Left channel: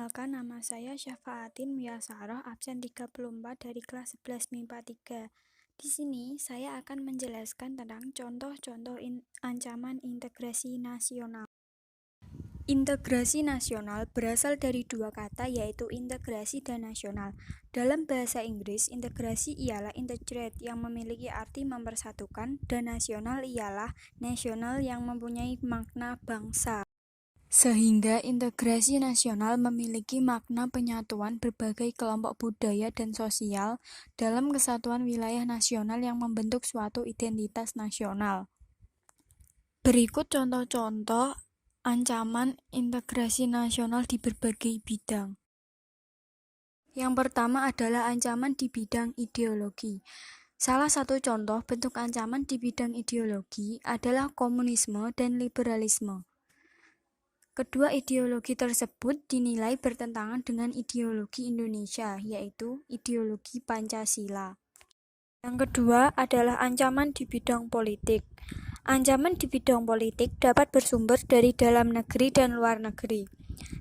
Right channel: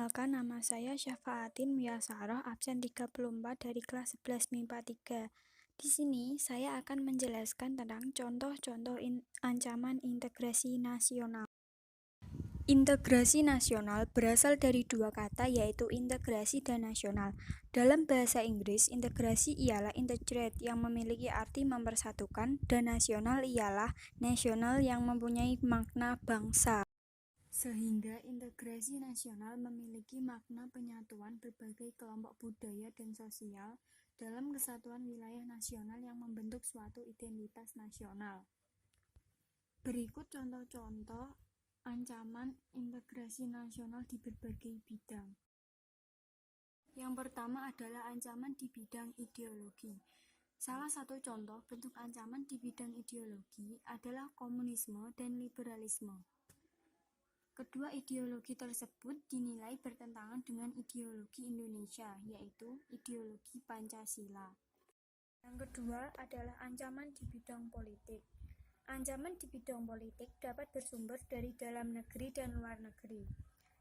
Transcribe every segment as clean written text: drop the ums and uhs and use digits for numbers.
Perkenalkan, nama saya Syafaatin Miyasaroh, absen 34 dari kelas 11 MIPA 3. Di sini saya akan menjelaskan tentang contoh-contoh ancaman integrasi nasional. Integrasi nasional berasal dari dua kata, yaitu integrasi dan nasional. Dalam bahasa Inggris, integrasi ialah integrate yang memiliki arti mempersatukan, dan nasional ialah nasional yang mempunyai makna bangsa. Sehingga integrasi nasional memiliki makna penyatuan berbagai kelompok budaya dan sosial dalam kesatuan wilayah nasional yang membentuk suatu identitas nasional. Berikut contoh-contoh ancaman integrasi nasional di berbagai bidang. Yang pertama adalah ancaman di bidang ideologi. Salah satu contoh bentuk ancaman di bidang ideologi adalah komunisme dan liberalisme. Kedua ideologi tersebut dinilai bertentangan dengan ideologi Indonesia, yaitu ideologi Pancasila. Yang kedua adalah ancaman di bidang politik. Ancaman di bidang politik dapat bersumber dari dalam negeri dan luar negeri.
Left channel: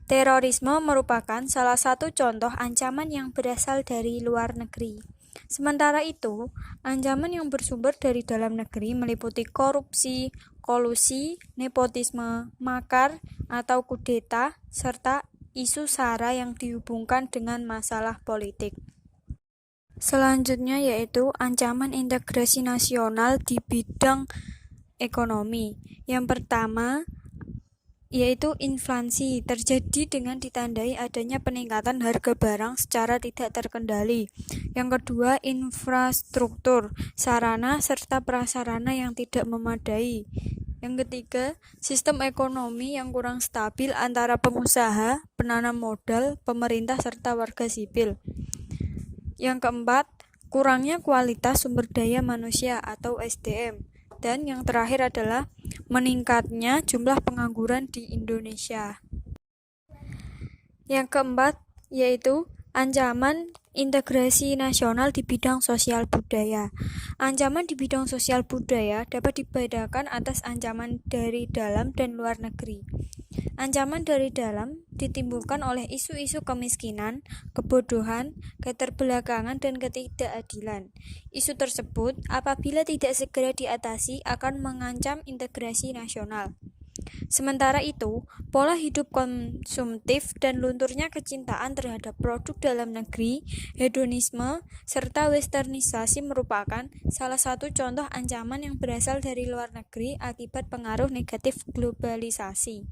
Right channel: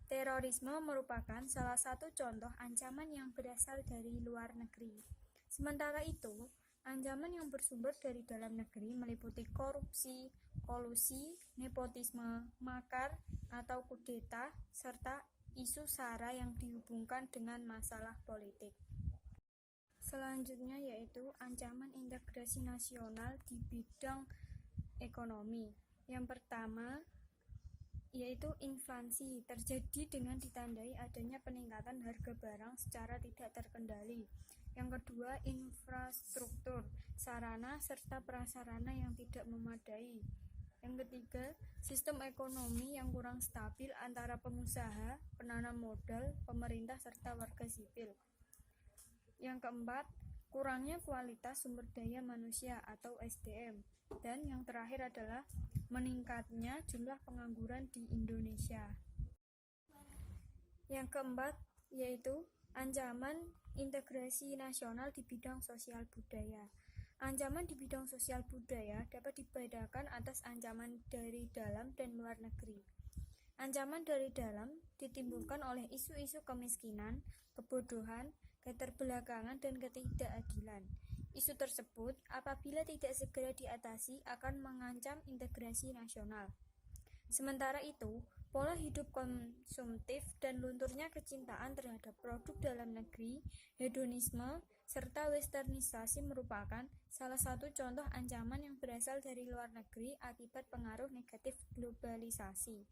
Terorisme merupakan salah satu contoh ancaman yang berasal dari luar negeri. Sementara itu, ancaman yang bersumber dari dalam negeri meliputi korupsi, kolusi, nepotisme, makar, atau kudeta, serta isu SARA yang dihubungkan dengan masalah politik. Selanjutnya yaitu ancaman integrasi nasional di bidang ekonomi. Yang pertama yaitu inflasi, terjadi dengan ditandai adanya peningkatan harga barang secara tidak terkendali. Yang kedua, infrastruktur, sarana serta prasarana yang tidak memadai. Yang ketiga, sistem ekonomi yang kurang stabil antara pengusaha, penanam modal, pemerintah serta warga sipil. Yang keempat, kurangnya kualitas sumber daya manusia atau SDM. Dan yang terakhir adalah meningkatnya jumlah pengangguran di Indonesia. Yang keempat yaitu ancaman integrasi nasional di bidang sosial budaya. Ancaman di bidang sosial budaya dapat dibedakan atas ancaman dari dalam dan luar negeri. Ancaman dari dalam ditimbulkan oleh isu-isu kemiskinan, kebodohan, keterbelakangan, dan ketidakadilan. Isu tersebut apabila tidak segera diatasi akan mengancam integrasi nasional. Sementara itu, pola hidup konsumtif dan lunturnya kecintaan terhadap produk dalam negeri, hedonisme, serta westernisasi merupakan salah satu contoh ancaman yang berasal dari luar negeri akibat pengaruh negatif globalisasi.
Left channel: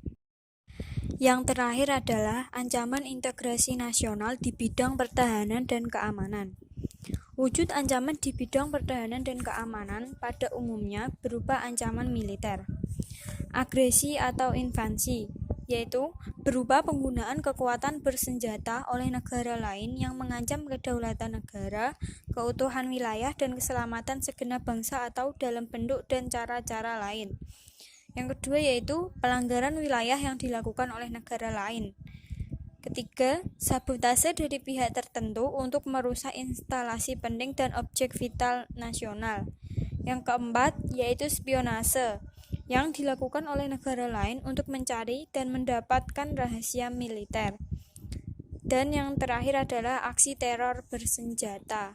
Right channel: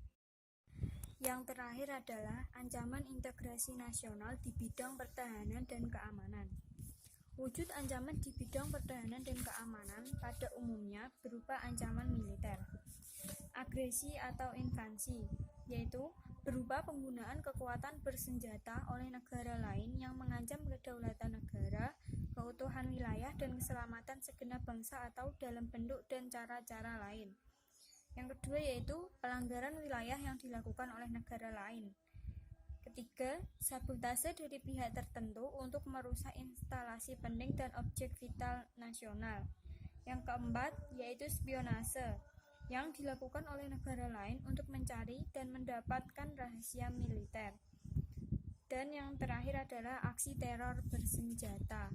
Yang terakhir adalah ancaman integrasi nasional di bidang pertahanan dan keamanan. Wujud ancaman di bidang pertahanan dan keamanan pada umumnya berupa ancaman militer, agresi atau invasi, yaitu berupa penggunaan kekuatan bersenjata oleh negara lain yang mengancam kedaulatan negara, keutuhan wilayah, dan keselamatan segenap bangsa atau dalam bentuk dan cara-cara lain. Yang kedua yaitu pelanggaran wilayah yang dilakukan oleh negara lain. Ketiga, sabotase dari pihak tertentu untuk merusak instalasi penting dan objek vital nasional. Yang keempat yaitu spionase yang dilakukan oleh negara lain untuk mencari dan mendapatkan rahasia militer. Dan yang terakhir adalah aksi teror bersenjata.